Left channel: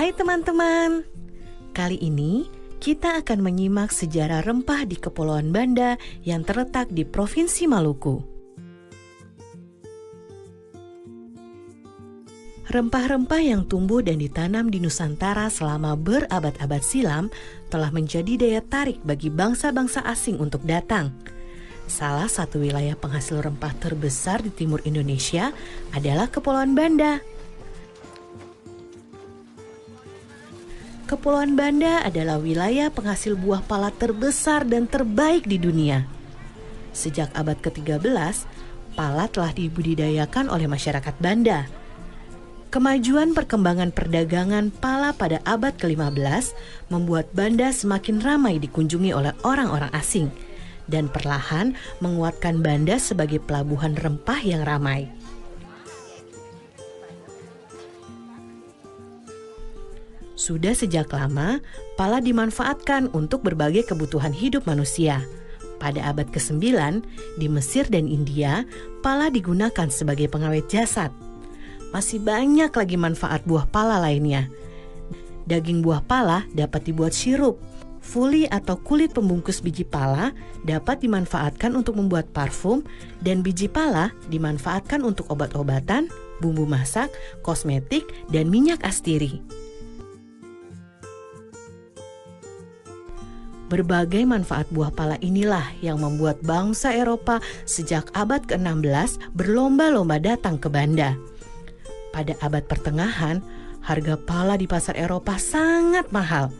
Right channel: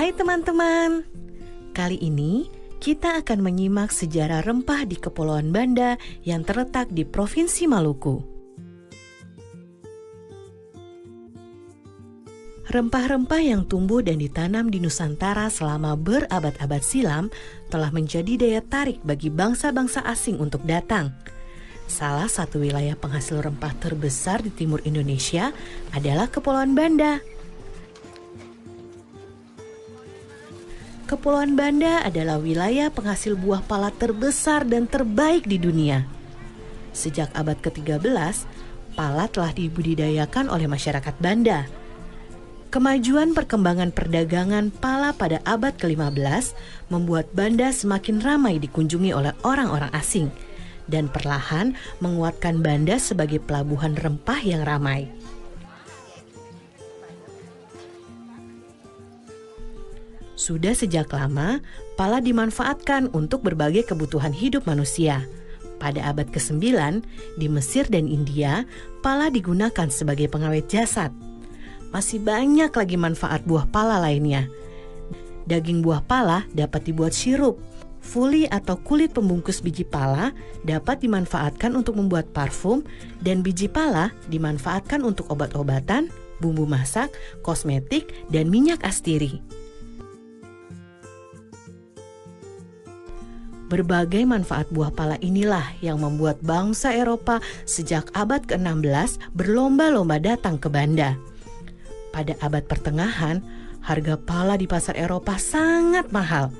Hai teman-teman, kali ini kita akan menyimak sejarah rempah di Kepulauan Banda yang terletak di Provinsi Maluku. Rempah-rempah yang tumbuh dan ditanam di Nusantara selama berabad-abad silam telah menjadi daya tarik bagi bangsa-bangsa asing untuk datang. Salah satu wilayah penghasil rempah terbesar di timur Indonesia adalah Kepulauan Banda. Kepulauan Banda adalah wilayah penghasil buah pala terbesar dan terbaik di dunia. Sejak abad ke-13, pala telah dibudidayakan oleh masyarakat Banda. Kemajuan perkembangan perdagangan pala pada abad ke-15 membuat Banda semakin ramai dikunjungi oleh orang-orang asing dan perlahan menguatkan Banda sebagai pelabuhan rempah yang ramai. Sudah sejak lama, pala dimanfaatkan untuk berbagai kebutuhan hidup manusia. Pada abad ke-9, di Mesir dan India, pala digunakan sebagai pengawet jasad. Masih banyak lagi manfaat buah pala lainnya. Daging buah pala dapat dibuat sirup. Fuli atau kulit pembungkus biji pala dapat dimanfaatkan untuk membuat parfum, dan biji pala dimanfaatkan untuk obat-obatan, bumbu masak, kosmetik, dan minyak astiri. Berbagai manfaat buah pala inilah yang membuat bangsa Eropa sejak abad ke-16 berlomba-lomba datang ke Banda. Pada abad pertengahan, harga pala di pasar Eropa sangat mahal.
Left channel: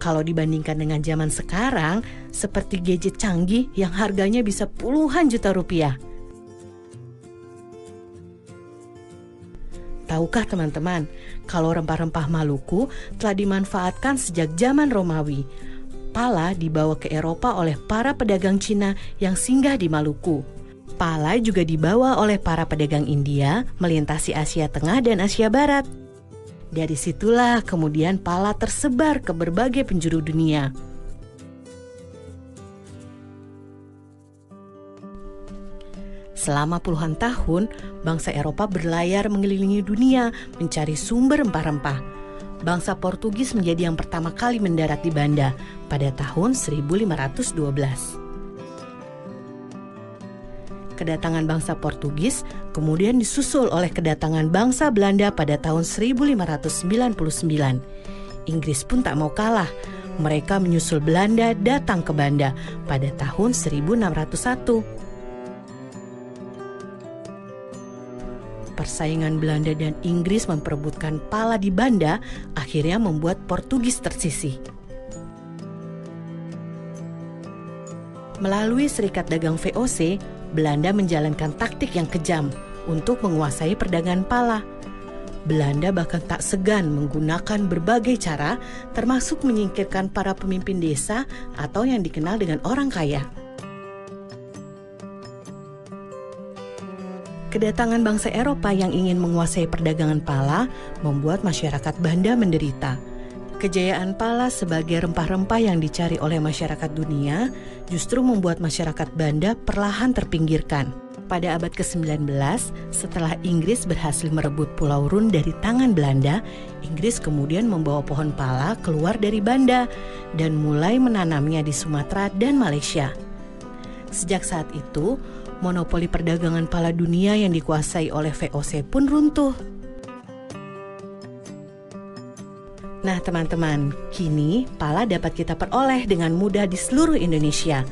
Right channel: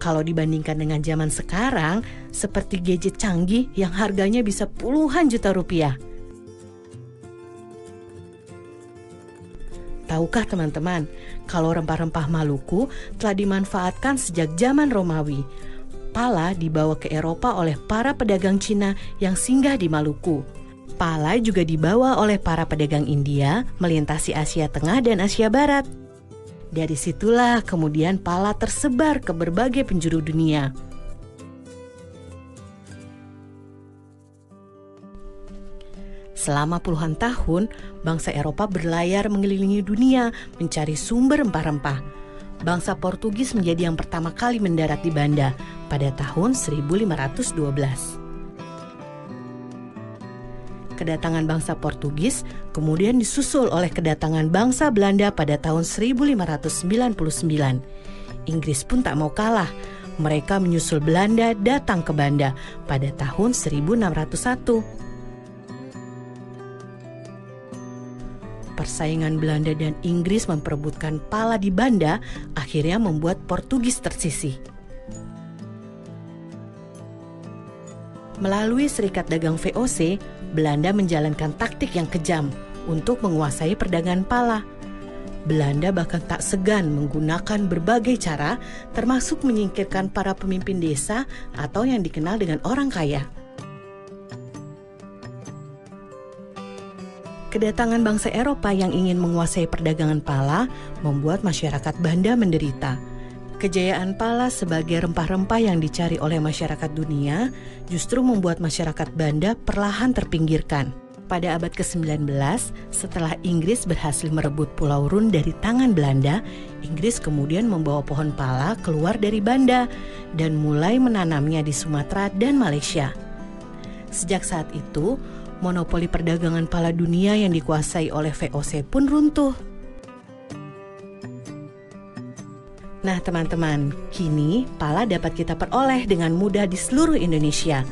Kalau dibandingkan dengan zaman sekarang, seperti gadget canggih yang harganya bisa puluhan juta rupiah. Tahukah teman-teman, kalau rempah-rempah Maluku telah dimanfaatkan sejak zaman Romawi. Pala dibawa ke Eropa oleh para pedagang Cina yang singgah di Maluku. Pala juga dibawa oleh para pedagang India melintasi Asia Tengah dan Asia Barat. Dari situlah kemudian pala tersebar ke berbagai penjuru dunia. Selama puluhan tahun, bangsa Eropa berlayar mengelilingi dunia mencari sumber rempah-rempah. Bangsa Portugis menjadi yang pertama kali mendarat di Banda pada tahun 1512. Kedatangan bangsa Portugis kemudian disusul oleh kedatangan bangsa Belanda pada tahun 1599. Inggris pun tak mau kalah. Mereka menyusul Belanda datang ke Banda pada tahun 1601. Persaingan Belanda dan Inggris memperebutkan pala di Banda akhirnya membuat Portugis tersisih. Melalui Serikat Dagang VOC, Belanda menjalankan taktik yang kejam untuk menguasai perdagangan pala. Belanda bahkan tak segan menggunakan berbagai cara, termasuk menyingkirkan para pemimpin desa atau yang dikenal dengan orang kaya. Kedatangan bangsa Eropa yang ingin menguasai perdagangan pala membuat masyarakat Banda menderita. Kejayaan pala sebagai rempah-rempah yang dicari oleh masyarakat dunia justru membuat masyarakat Banda perlahan terpinggirkan. Pada abad ke-19, setelah Inggris berhasil merebut Pulau Run dari tangan Belanda, Inggris kemudian membawa pohon pala keluar dari Banda dan mulai menanamnya di Sumatera dan Malaysia. Sejak saat itu, monopoli perdagangan pala dunia yang dikuasai oleh VOC pun runtuh. Nah teman-teman, kini pala dapat kita peroleh dengan mudah di seluruh Indonesia.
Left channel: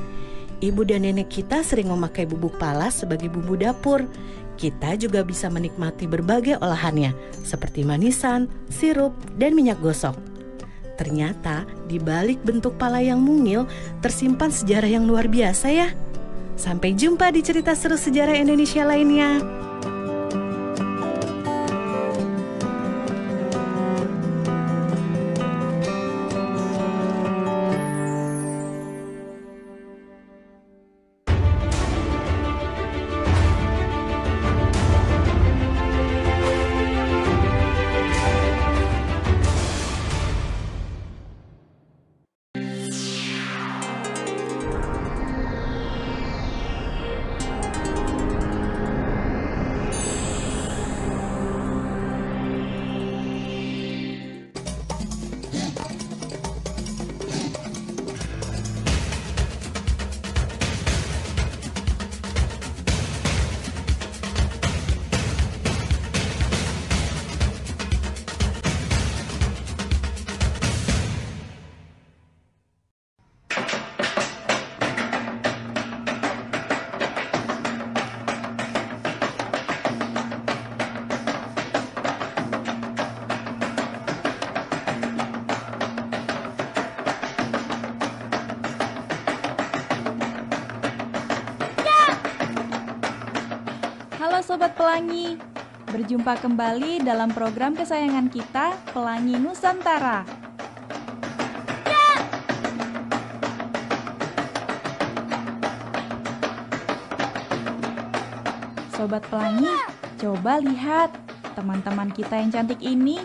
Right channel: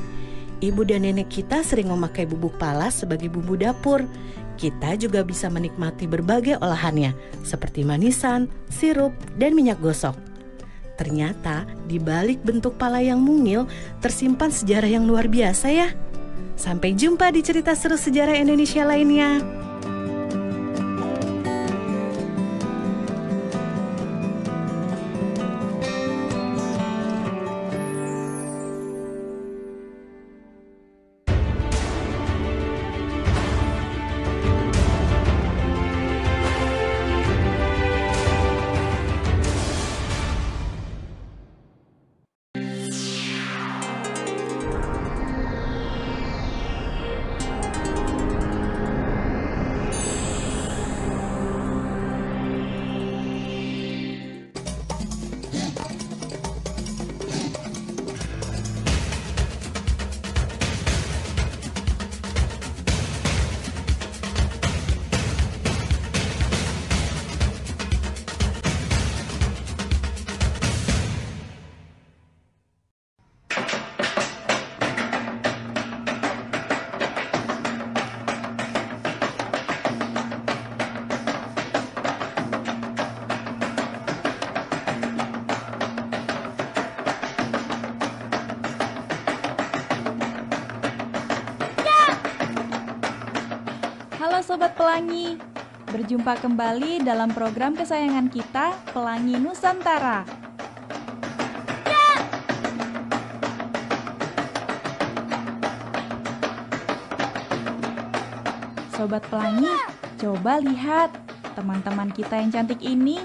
Ibu dan nenek kita sering memakai bubuk pala sebagai bumbu dapur. Kita juga bisa menikmati berbagai olahannya, seperti manisan, sirup, dan minyak gosok. Ternyata di balik bentuk pala yang mungil tersimpan sejarah yang luar biasa ya. Sampai jumpa di cerita seru sejarah Indonesia lainnya. Sobat Pelangi, berjumpa kembali dalam program kesayangan kita, Pelangi Nusantara. Sobat Pelangi, coba lihat teman-teman kita yang cantik ini.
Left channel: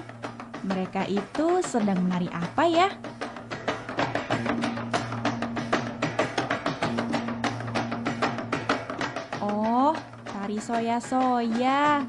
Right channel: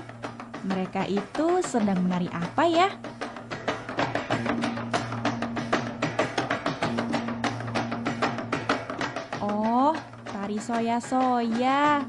Mereka itu sedang menari apa ya? Oh, tari soya-soya.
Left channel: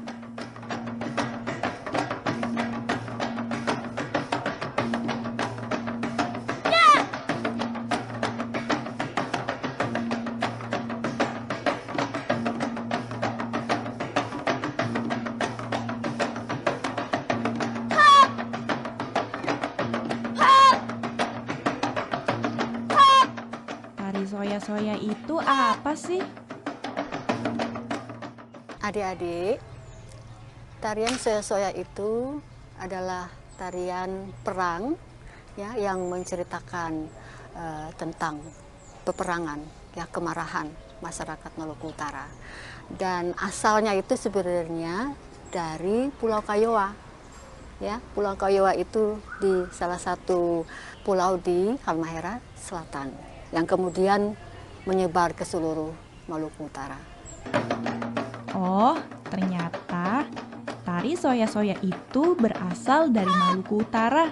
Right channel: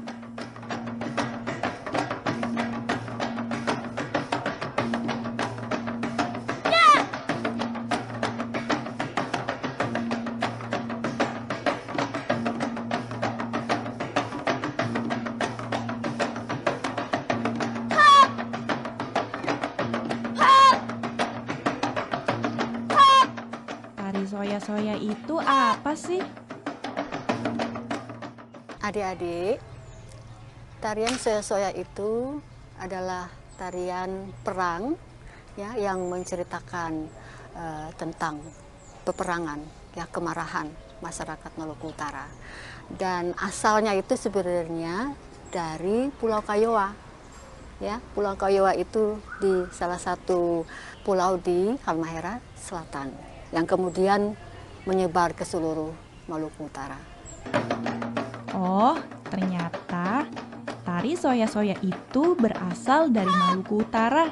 Tari soya-soya itu apa sih? Adik-adik, tarian soya-soya itu adalah tarian perang ya yang menceritakan tentang peperangan ya, kemarahan masyarakat Maluku Utara. Dan asalnya itu sebenarnya dari Pulau Kayowa. Ya, Pulau Kayowa itu di salah satu pulau di Halmahera Selatan yang kemudian menyebar ke seluruh Maluku Utara. Oh, ternyata tari soya-soya itu berasal dari Maluku Utara.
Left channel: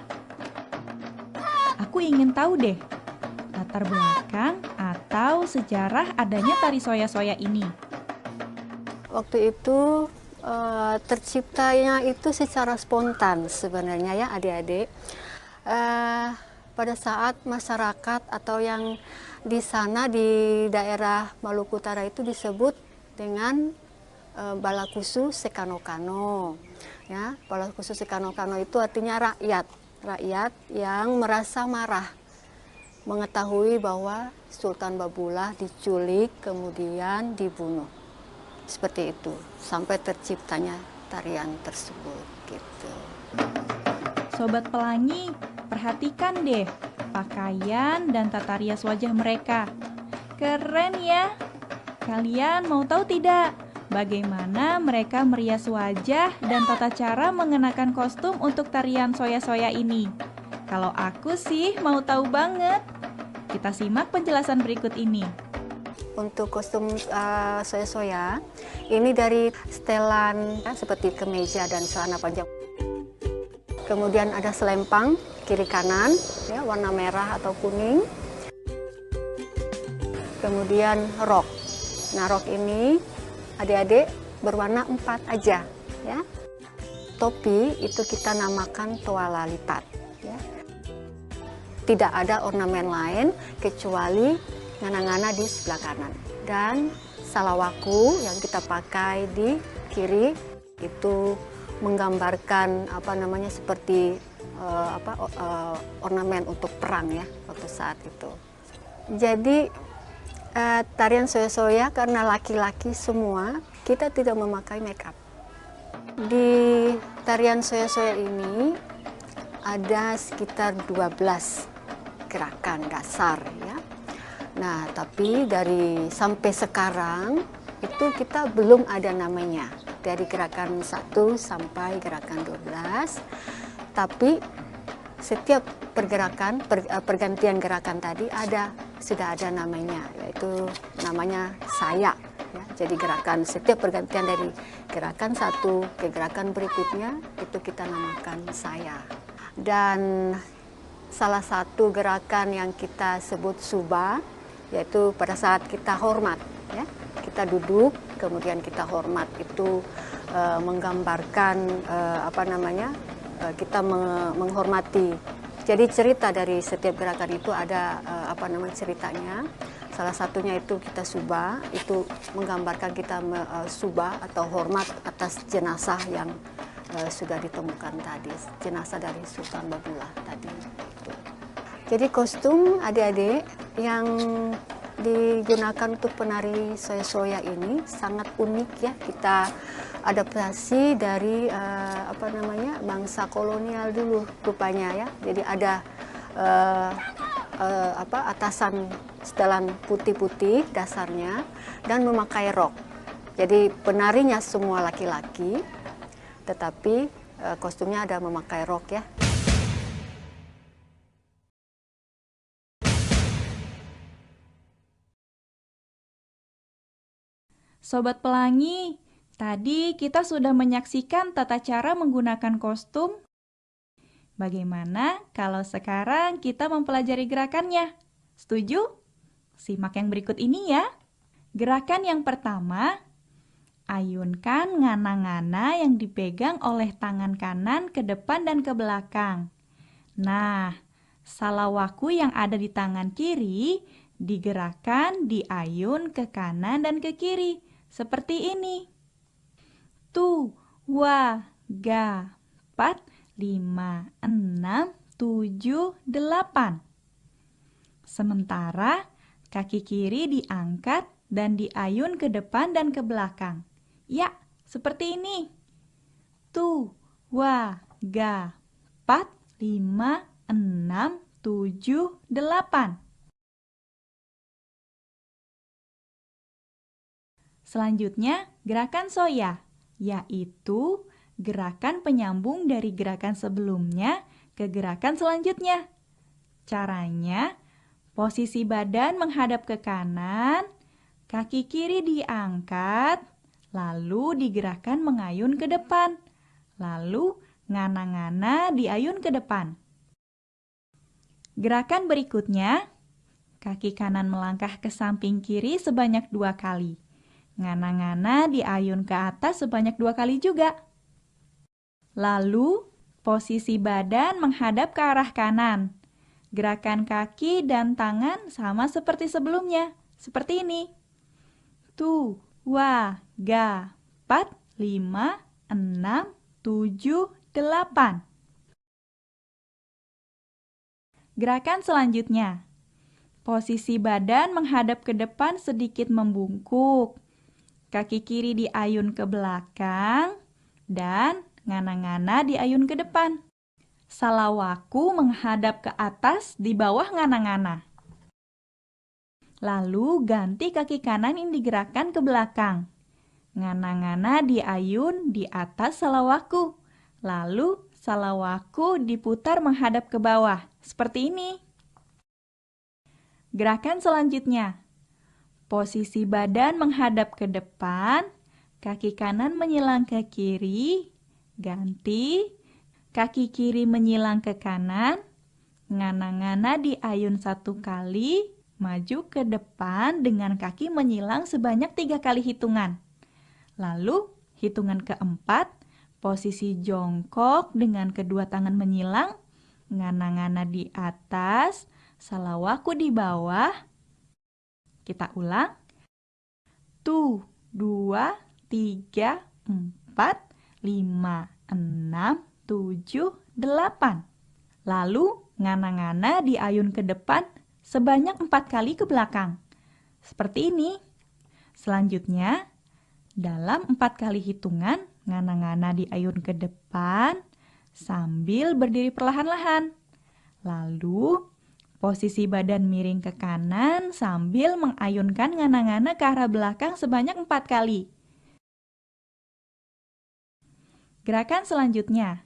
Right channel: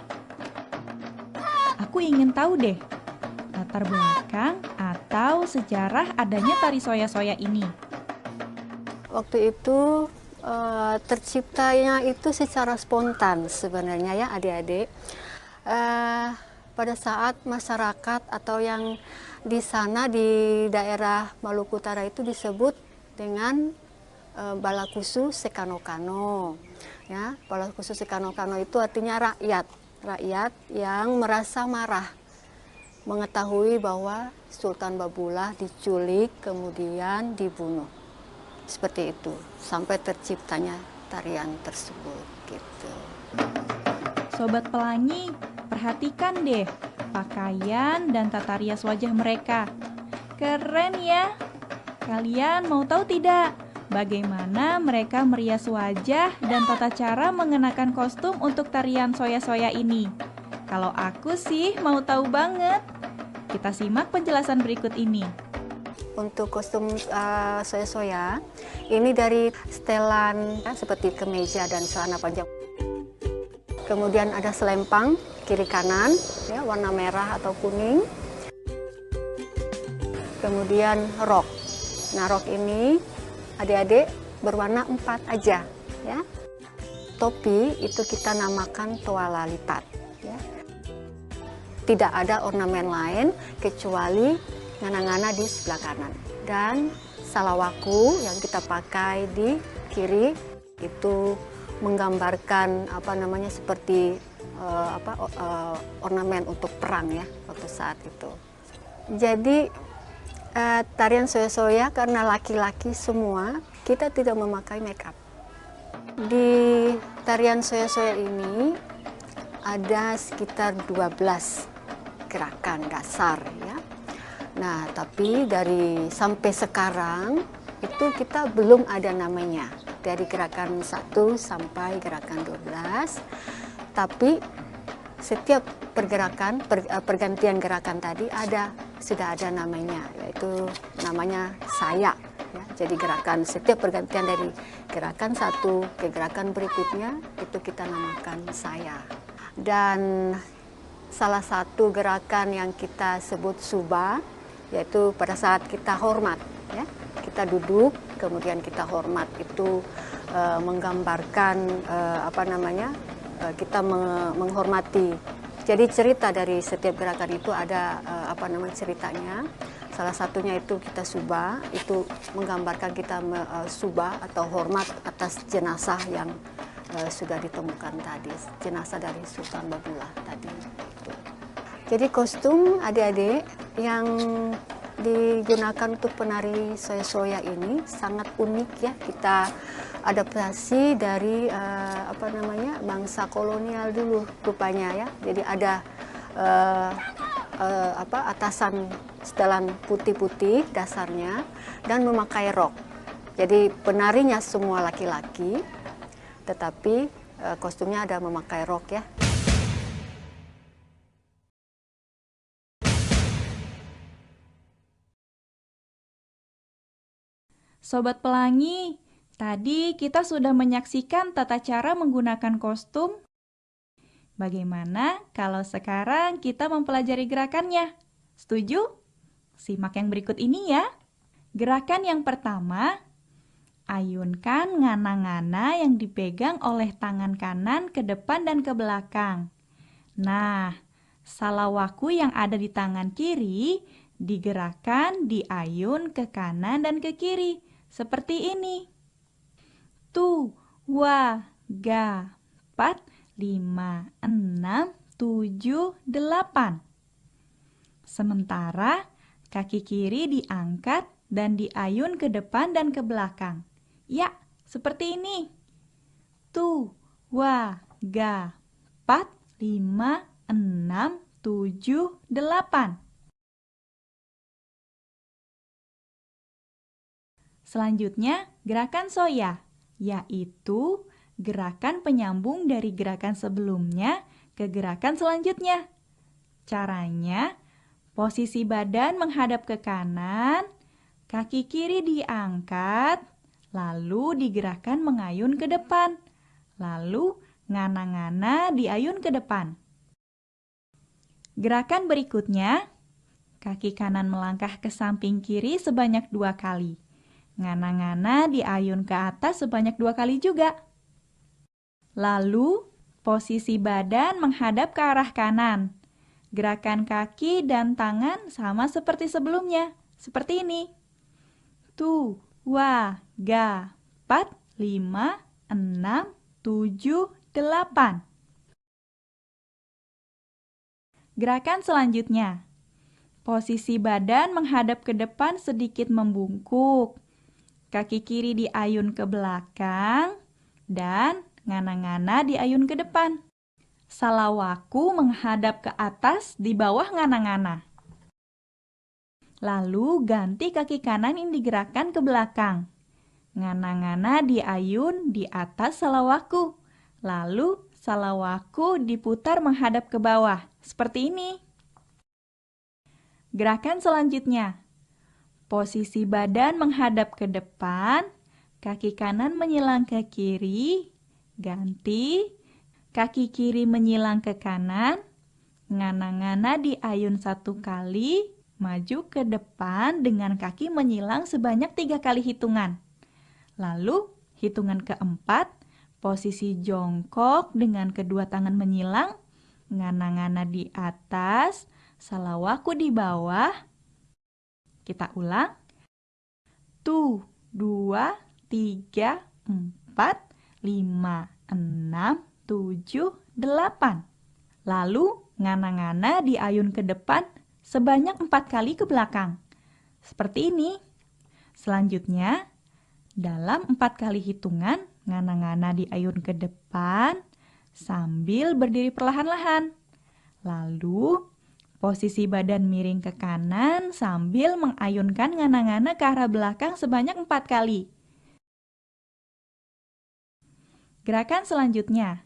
Aku ingin tahu deh, latar belakang atau sejarah adanya tari soya-soya ini. Waktu itu terciptanya itu secara spontan sebenarnya ya adik-adik. Pada saat masyarakat atau yang di sana di daerah Maluku Utara itu disebut dengan Balakusu Sekano-Kano. Ya, Balakusu Sekano-Kano itu artinya rakyat yang merasa marah mengetahui bahwa Sultan Babullah diculik kemudian dibunuh. Seperti itu sampai terciptanya tarian tersebut gitu. Sobat Pelangi, perhatikan deh pakaian dan tata rias wajah mereka. Keren ya. Kalian mau tahu tidak bagaimana mereka merias wajah dan tata cara mengenakan kostum untuk tarian soya-soya ini? Kalau aku sih mau tahu banget. Kita simak penjelasan berikut ini. Untuk kostum soya-soya, ini dari setelan ya, seperti kemeja dan celana panjang. Kemudian ada selempang kiri kanan, ya, warna merah atau kuning. Kemudian rok. Nah, rok ini adik-adik berwarna 4 aja, ya. Topi itu kita namakan toala lipat, ya. Tidak ada ornamen lain kecuali ngana-ngana di sebelah kanan. Dan salawaku yang kita pakai di kiri itu menggambarkan seperti ornamen untuk perang ya waktu saat itu. Jadi tarian soya-soya karena laki-laki semua, kita tidak memakai make up. Di tarian soya-soya ini ada sekitar 12 gerakan dasar ya. Nah, tapi sampai sekarang itu kita belum ada namanya. Dari gerakan 1 sampai gerakan 12. Tapi setiap pergantian gerakan tadi sudah ada namanya, yaitu namanya saya. Ya, jadi setiap pergantian dari gerakan 1 ke gerakan berikutnya itu kita namakan saya. Dan salah satu gerakan yang kita sebut suba, yaitu pada saat kita hormat, ya, kita duduk, kemudian kita hormat itu menggambarkan kita menghormati. Jadi cerita dari setiap gerakan itu ada ceritanya. Salah satunya itu kita suba, itu menggambarkan kita suba atau hormat atas jenazah yang sudah ditemukan tadi, jenazah dari Sultan Babullah tadi. Jadi kostum adik-adik yang digunakan untuk penari soya-soya ini sangat unik ya. Kita adaptasi dari bangsa kolonial dulu rupanya ya. Jadi ada atasan setelan putih-putih dasarnya dan memakai rok. Jadi penarinya semua laki-laki, tetapi kostumnya ada memakai rok ya. Sobat Pelangi, tadi kita sudah menyaksikan tata cara menggunakan kostum. Bagaimana kalau sekarang kita mempelajari gerakannya? Setuju? Simak yang berikut ini ya. Gerakan yang pertama, ayunkan ngana-ngana yang dipegang oleh tangan kanan ke depan dan ke belakang. Nah, salawaku yang ada di tangan kiri digerakkan, diayun ke kanan dan ke kiri. Seperti ini. Tu, wa, ga, 4, 5, 6, 7, 8. Sementara kaki kiri diangkat dan diayun ke depan dan ke belakang. Ya, seperti ini. Tu, wa, ga, 4, 5, 6, 7, 8. Selanjutnya, gerakan soya, yaitu gerakan penyambung dari gerakan sebelumnya ke gerakan selanjutnya. Caranya, posisi badan menghadap ke kanan, kaki kiri diangkat, lalu digerakkan mengayun ke depan. Lalu, ngana-ngana diayun ke depan. Gerakan berikutnya, kaki kanan melangkah ke samping kiri sebanyak 2 kali. Ngana-ngana diayun ke atas sebanyak 2 kali juga. Lalu, posisi badan menghadap ke arah kanan. Gerakan kaki dan tangan sama seperti sebelumnya. Seperti ini. Tu, wa, ga, 4, 5, 6, 7, 8. Gerakan selanjutnya. Posisi badan menghadap ke depan sedikit membungkuk. Kaki kiri diayun ke belakang dan ngana-ngana diayun ke depan. Salawaku menghadap ke atas di bawah ngana-ngana. Lalu ganti kaki kanan yang digerakkan ke belakang. Ngana-ngana diayun di atas salawaku. Lalu salawaku diputar menghadap ke bawah. Seperti ini. Gerakan selanjutnya. Posisi badan menghadap ke depan, kaki kanan menyilang ke kiri, ganti, kaki kiri menyilang ke kanan, ngana-ngana diayun 1 kali, maju ke depan dengan kaki menyilang sebanyak 3 kali hitungan. Lalu, hitungan keempat, posisi jongkok dengan kedua tangan menyilang, ngana-ngana di atas, salawaku di bawah. Kita ulang. Tu, 2, 3, 4, 5, 6, 7, 8. Lalu, ngana-ngana diayun ke depan sebanyak 4 kali ke belakang. Seperti ini. Selanjutnya, dalam 4 kali hitungan, ngana-ngana diayun ke depan sambil berdiri perlahan-lahan. Lalu, posisi badan miring ke kanan sambil mengayunkan ngana-ngana ke arah belakang sebanyak 4 kali. Gerakan selanjutnya.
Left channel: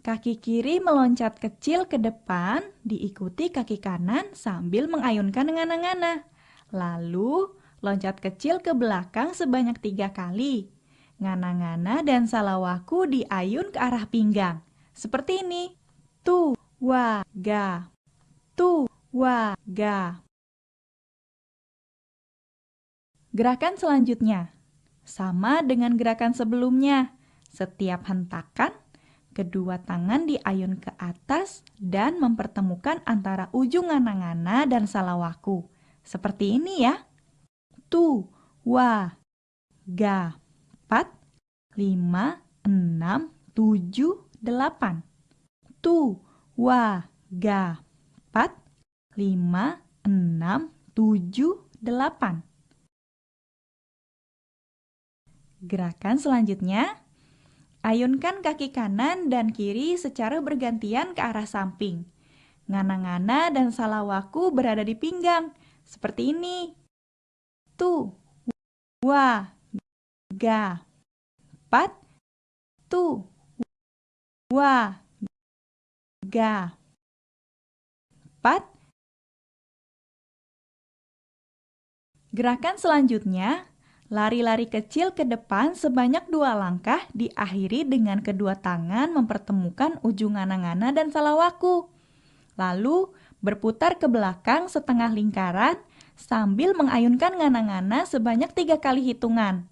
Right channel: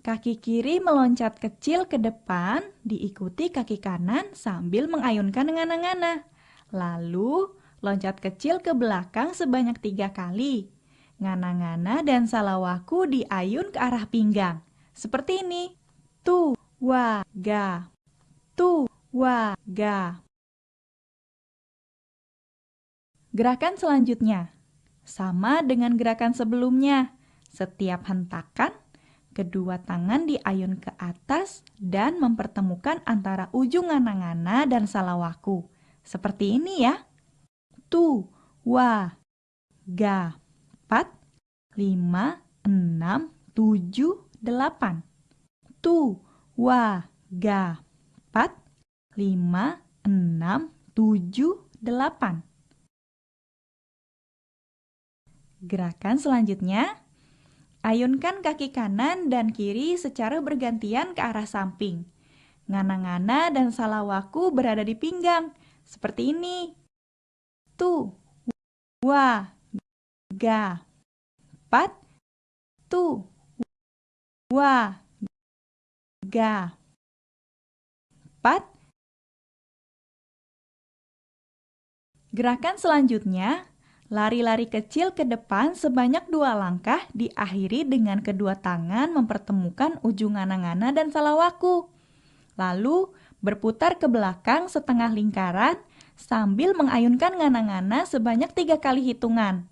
Kaki kiri meloncat kecil ke depan, diikuti kaki kanan sambil mengayunkan ngana-ngana. Lalu, loncat kecil ke belakang sebanyak 3 kali. Ngana-ngana dan salawaku diayun ke arah pinggang. Seperti ini. Tu, wa, ga. Tu, wa, ga. Gerakan selanjutnya. Sama dengan gerakan sebelumnya. Setiap hentakan, kedua tangan diayun ke atas dan mempertemukan antara ujung ngana-ngana dan salawaku. Seperti ini ya. Tu, wa, ga. 4, 5, 6, 7, 8. Tu, wa, ga. 4, 5, 6, 7, 8. Gerakan selanjutnya, ayunkan kaki kanan dan kiri secara bergantian ke arah samping. Ngana-ngana dan salawaku berada di pinggang, seperti ini. Tu, wa, ga. 4. Tu, wa, ga. 4. Gerakan selanjutnya, lari-lari kecil ke depan sebanyak 2 langkah diakhiri dengan kedua tangan mempertemukan ujung ngana-ngana dan salawaku. Lalu berputar ke belakang setengah lingkaran sambil mengayunkan ngana-ngana sebanyak 3 kali hitungan.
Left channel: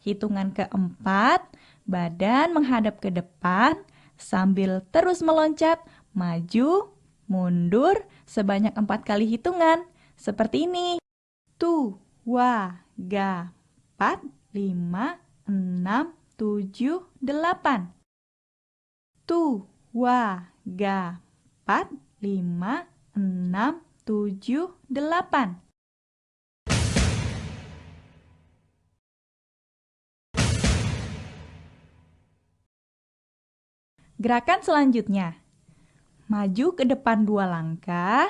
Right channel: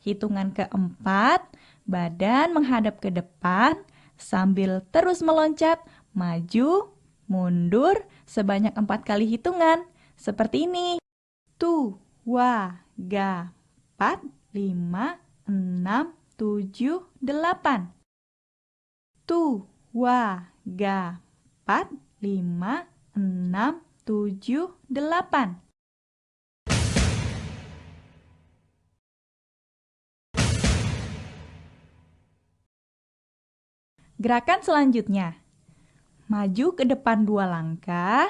Hitungan keempat, badan menghadap ke depan sambil terus meloncat, maju, mundur sebanyak 4 kali hitungan. Seperti ini. Tu, wa, ga. 4, 5, 6, 7, 8. Tu, wa, ga. 4, 5, 6, 7, 8. Gerakan selanjutnya. Maju ke depan 2 langkah,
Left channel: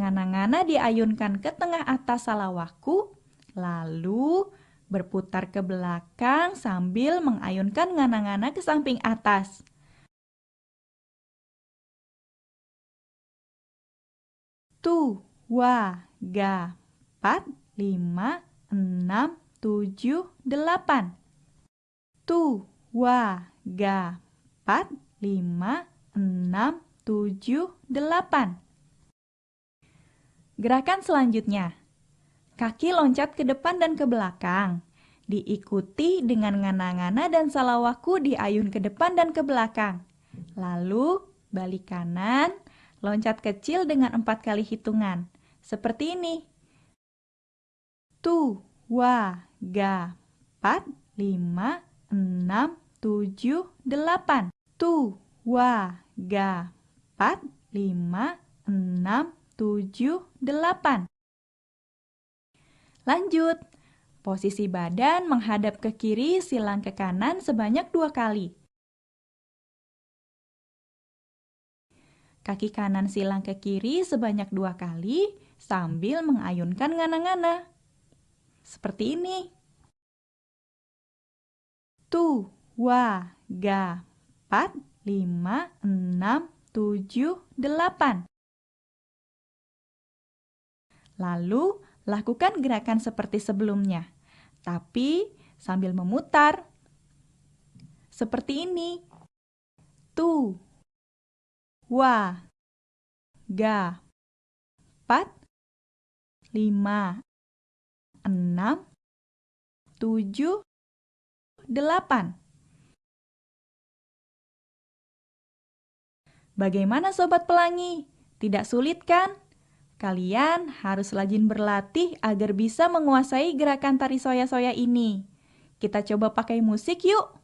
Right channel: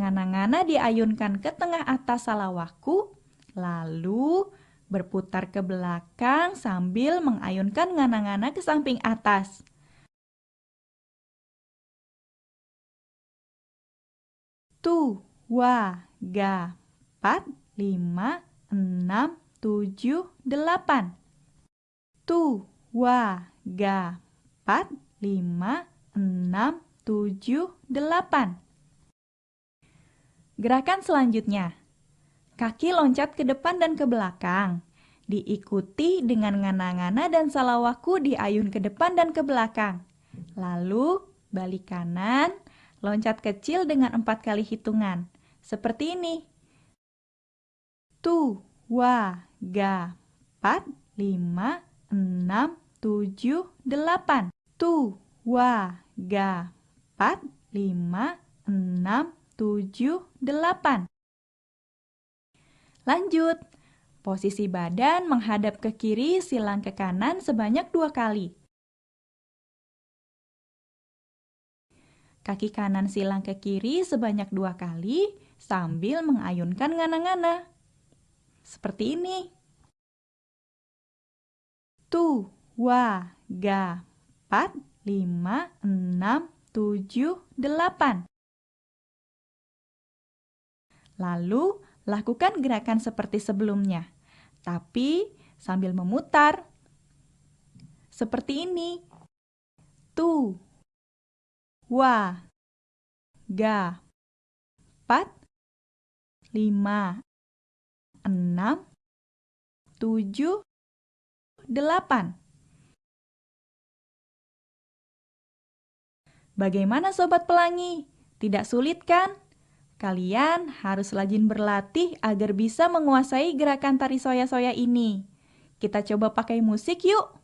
ngana-ngana diayunkan ke tengah atas salawaku, lalu berputar ke belakang sambil mengayunkan ngana-ngana ke samping atas. Tu, wa, ga. 4, 5, 6, 7, 8. Tu, wa, ga. 4, 5, 6, 7, 8. Gerakan selanjutnya. Kaki loncat ke depan dan ke belakang. Diikuti dengan ngana-ngana dan salawaku diayun ke depan dan ke belakang. Lalu balik kanan, loncat kecil dengan 4 kali hitungan. Seperti ini. Tu, wa, ga. 4, 5, 6, 7, 8. Tu, wa, ga. 4, 5, 6, 7, 8. Lanjut. Posisi badan menghadap ke kiri, silang ke kanan sebanyak 2 kali. Kaki kanan silang ke kiri sebanyak 2 kali sambil mengayunkan ngana-ngana. Seperti ini. Tu, wa, ga. 4, 5, 6, 7, 8. Lalu, lakukan gerakan seperti sebelumnya, tapi sambil memutar. Seperti ini. Tu, wa, ga. 4, 5, 6, 7, 8. Bagaimana Sobat Pelangi? Tidak sulit kan? Kalian harus rajin berlatih agar bisa menguasai gerakan tari soya-soya ini. Kita coba pakai musik yuk!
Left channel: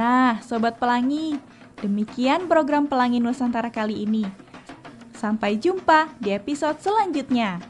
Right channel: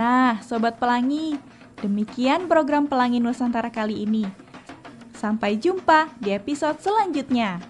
Nah, Sobat Pelangi, demikian program Pelangi Nusantara kali ini. Sampai jumpa di episode selanjutnya.